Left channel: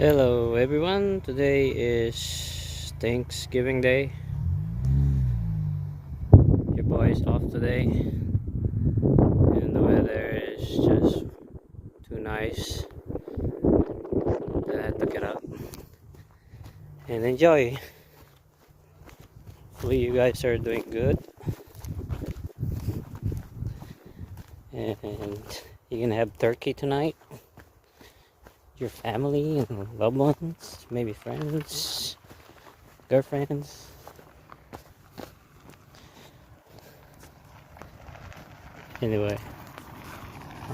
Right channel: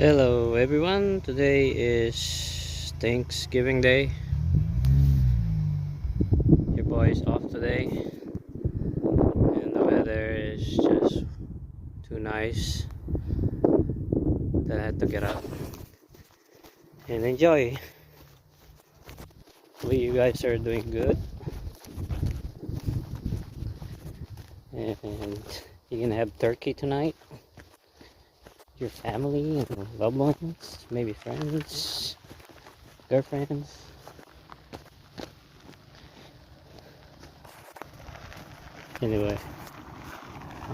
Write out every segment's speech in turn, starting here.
Hello everyone, today is Thanksgiving Day. Your boy is off today and the weather is just too nice that I had to get up and enjoy. Hopefully you guys are doing good and you can have turkey tonight. Your family and loved ones, maybe friends, girlfriends. Anyway,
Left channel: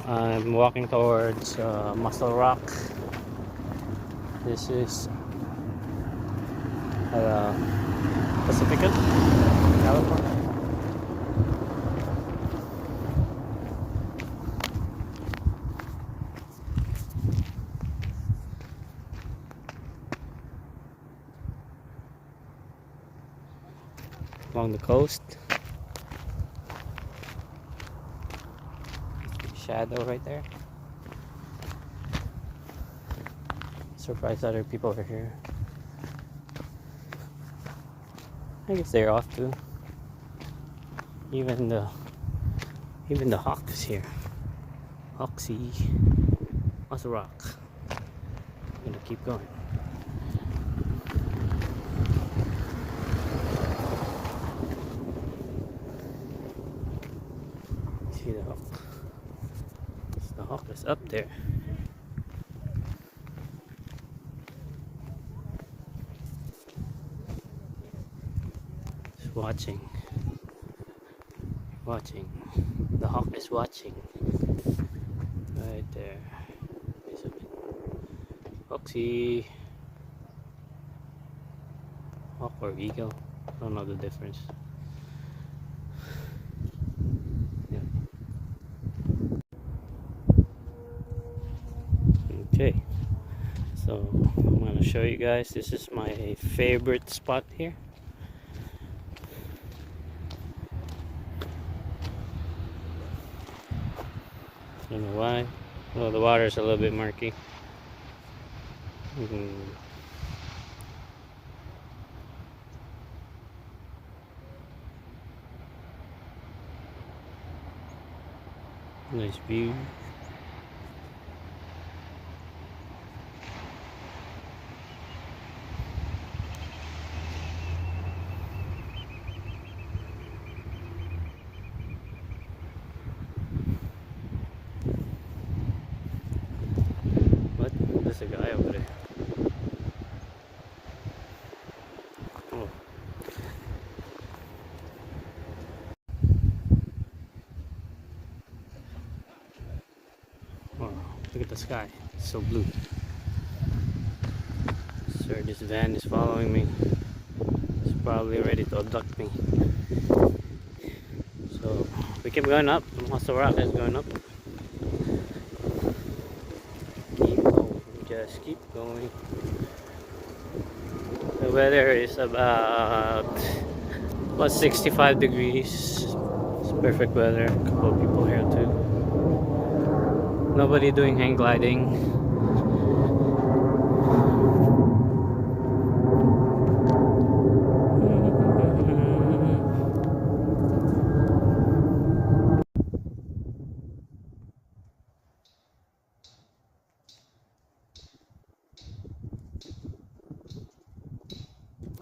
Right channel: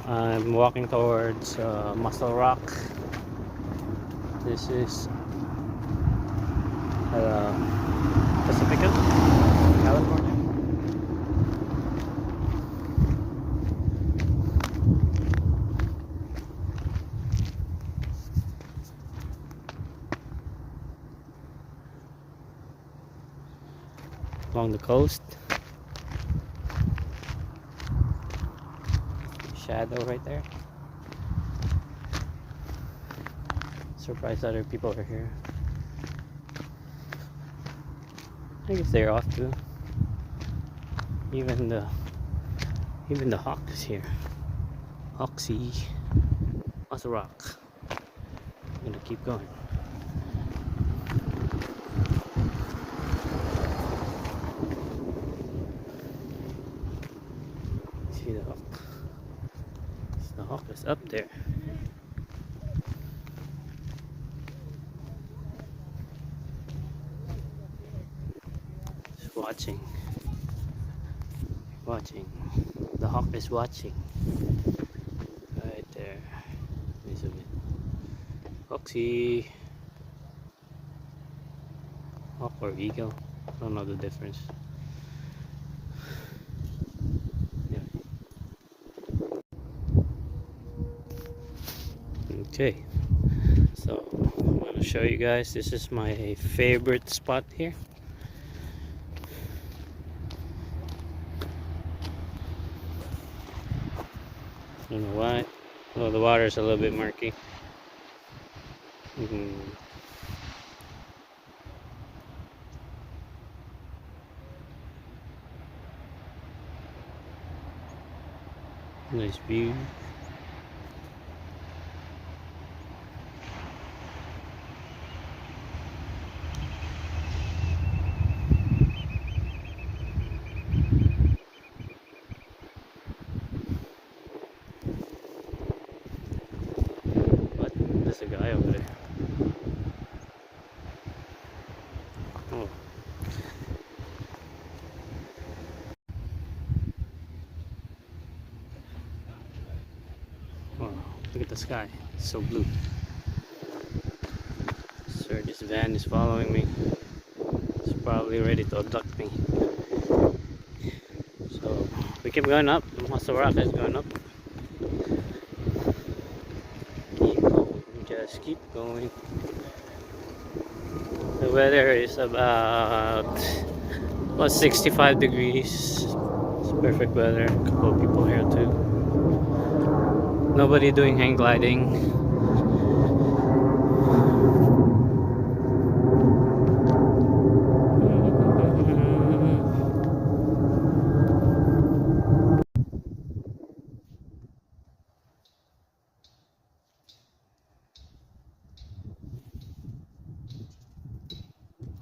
I'm walking towards Mussel Rock. This is Pacifica, California. Along the coast. Shadow right there. Surprised other people are here. I guess they're off too. Even the hawk is here. Hawksy. Mussel Rock. I'm gonna keep going. See the hawk. The hawk is up there. Just watching. The hawk is watching. Right there. Wait a bit. Hawksy. Hawk or eagle? I don't know the difference. Okay, so I'm gonna show you guys. This is my favorite spot here. I don't know why. Well, the water's a little bit murky. Nice view. What? There's a guy over there. Oh. Wow, look at the sky. It's so blue. Sir, this van is following me. It's probably ready to abduct me. So we keep going up. Mussel Rock is going up. Keep going, just keep going. The weather is about 65 degrees. It's perfect weather. A couple of people here too. Nobody doing hang gliding.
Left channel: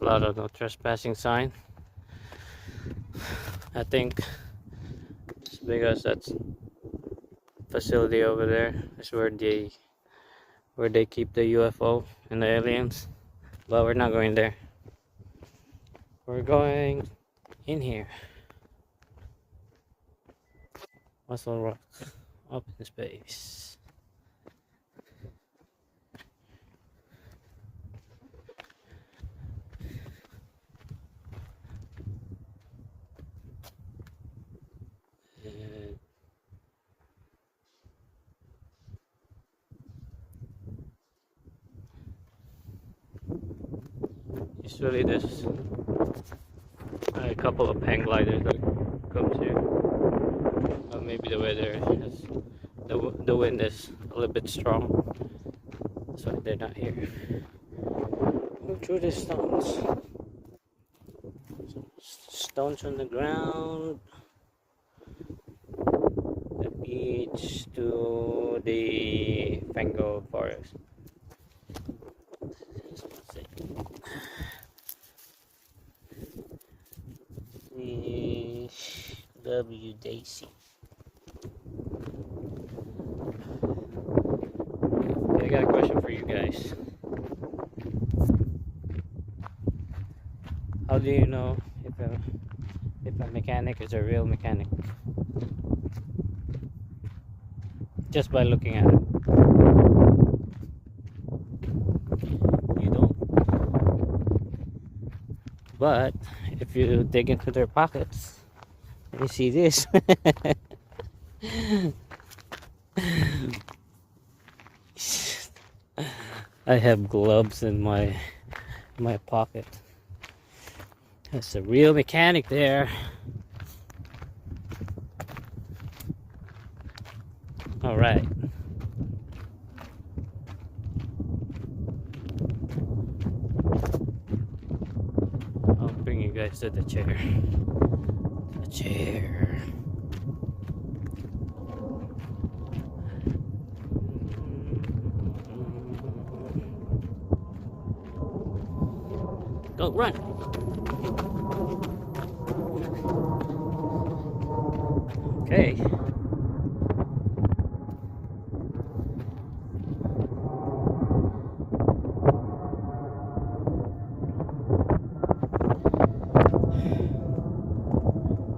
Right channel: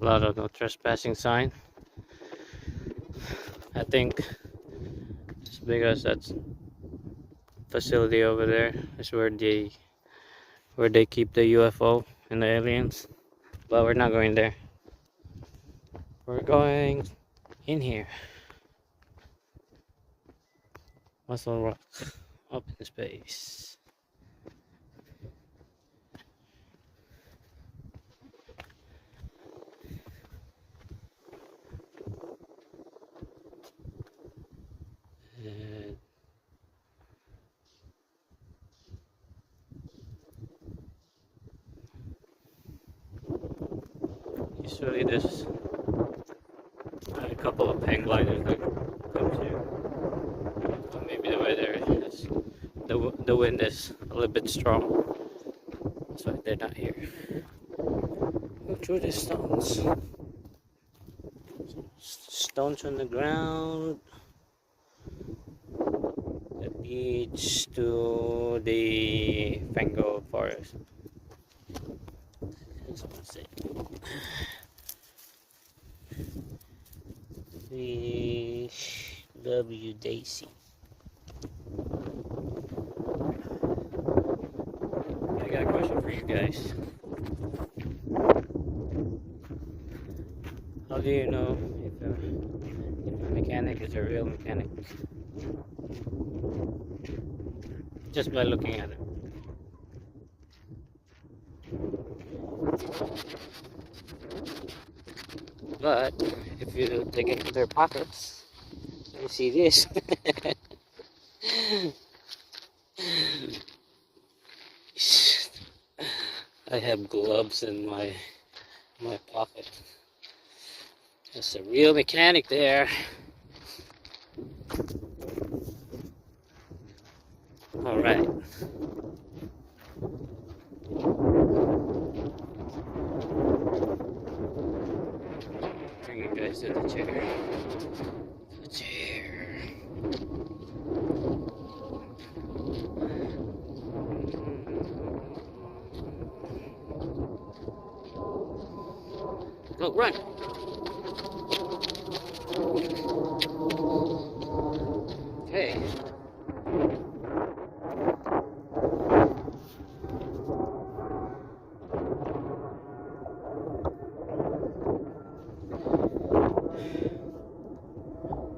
A lot of no trespassing sign. I think it's because that's facility over there is where they keep the UFO and the aliens. But we're not going there. We're going in here. Mussel Rock up in space. And usually there's a couple of hang gliders that comes here. Maybe the weather is the wind is a little bit strong. That's why they're not here. Go through the stones. Some stones on the ground. The beach to the Fango forest. Just one second. The W Daisy. I got a question for you guys. How do you know if a mechanic is a real mechanic? Just by looking at it. But if you dig into their pockets, you see this. I have gloves in my pocket. That's a real mechanic there. All right. I'll bring you guys to the chair. The chair. Go, run. Okay.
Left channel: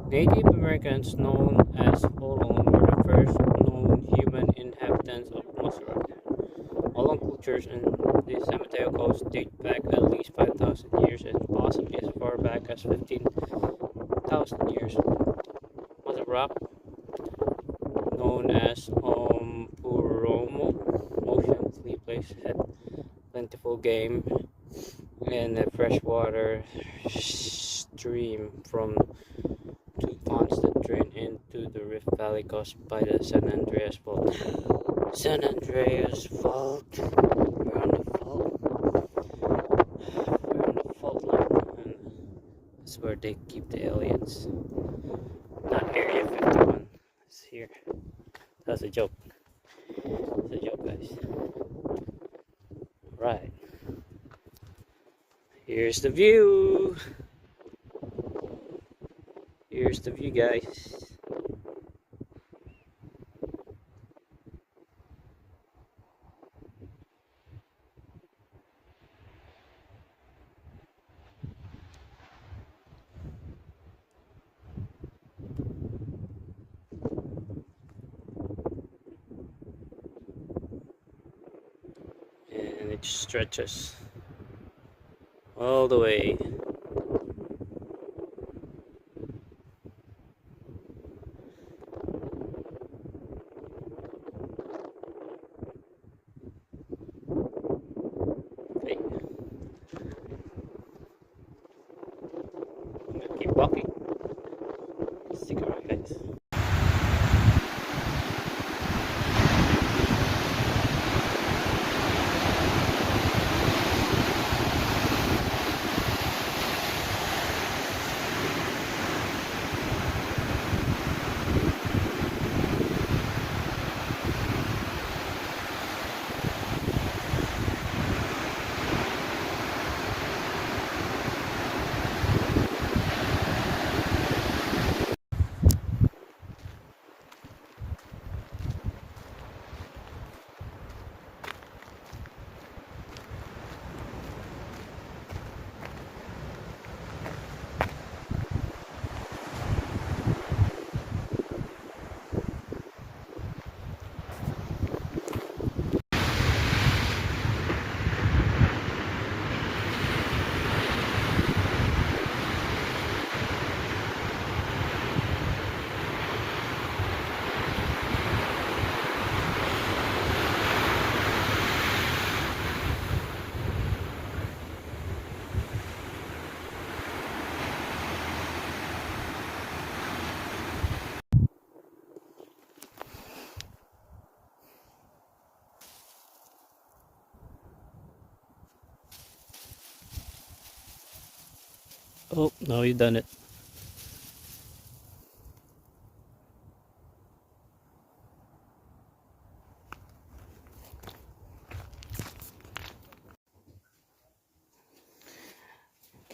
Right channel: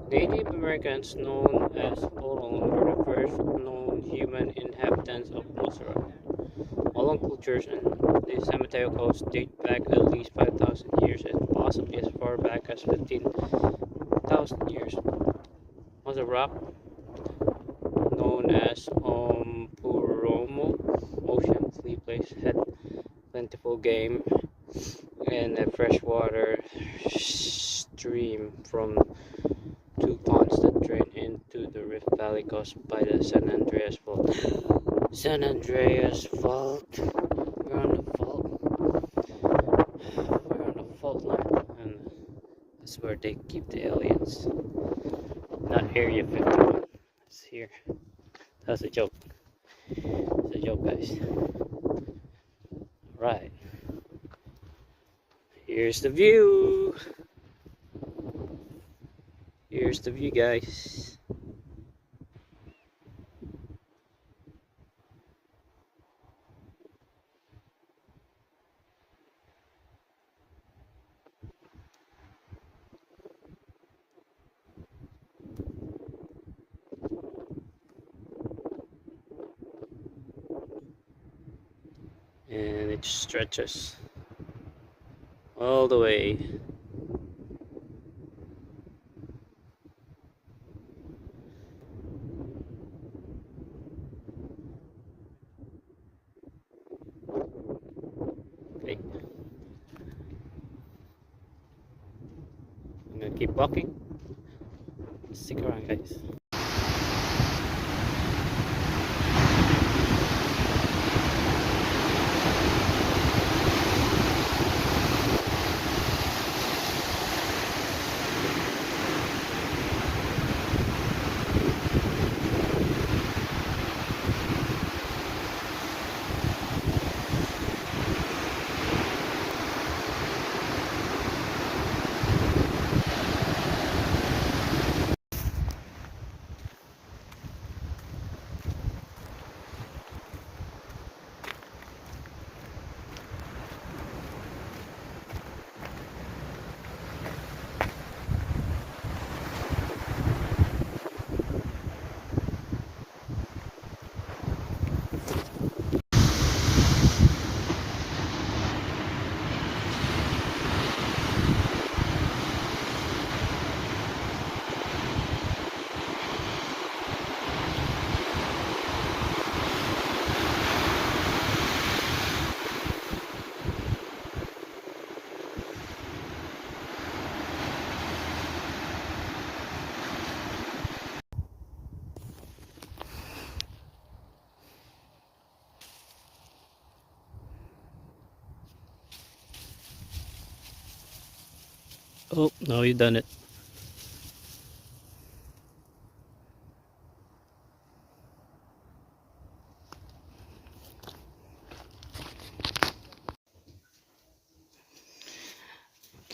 Native Americans, known as Olon, were the first known human inhabitants of Mossel. Olon cultures in the San Mateo coast date back at least 5,000 years and possibly as far back as 15,000 years. Mossel Rock, known as Puromo, ocean flea place, had plentiful game and a freshwater stream from two ponds that drain into the Rift Valley caused by the San Andreas Fault. San Andreas Fault. We're on the fault. We're on the fault line, and that's where they keep the aliens. Not Area 51. It's here. That's a joke. It's a joke, guys. Right. Here's the view. Here's the view, guys. And it stretches all the way. Okay. I'm gonna keep walking. Stick around, guys. Oh, no, you done it.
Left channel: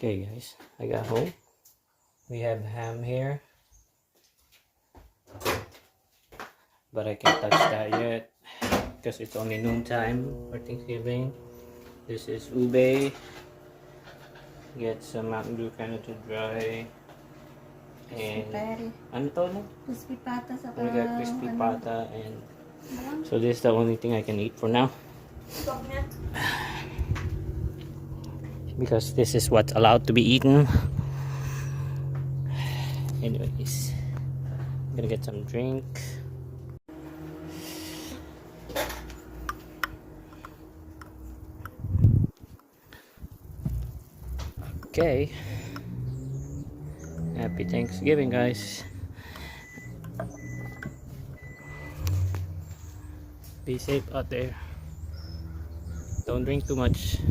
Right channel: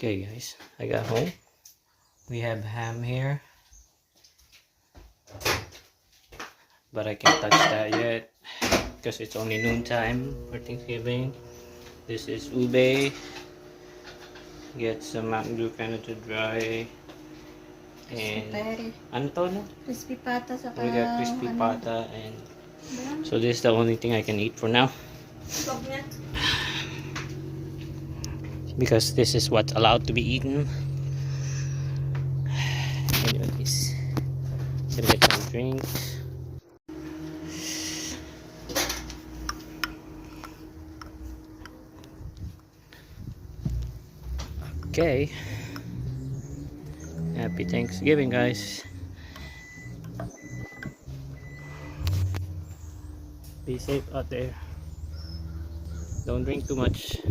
Okay, guys, I got home. We have ham here, but I can't touch that yet because it's only noontime for Thanksgiving. This is ube. Get some Mountain Dew kind of to dry. And ano to na? Crispy pata sa We got crispy pata, and ano? so this is the only thing I can eat for now because this is what's allowed to be eaten. Anyways, I'm gonna get some drinks. Okay. Happy Thanksgiving, guys. Be safe out there. Don't drink too much.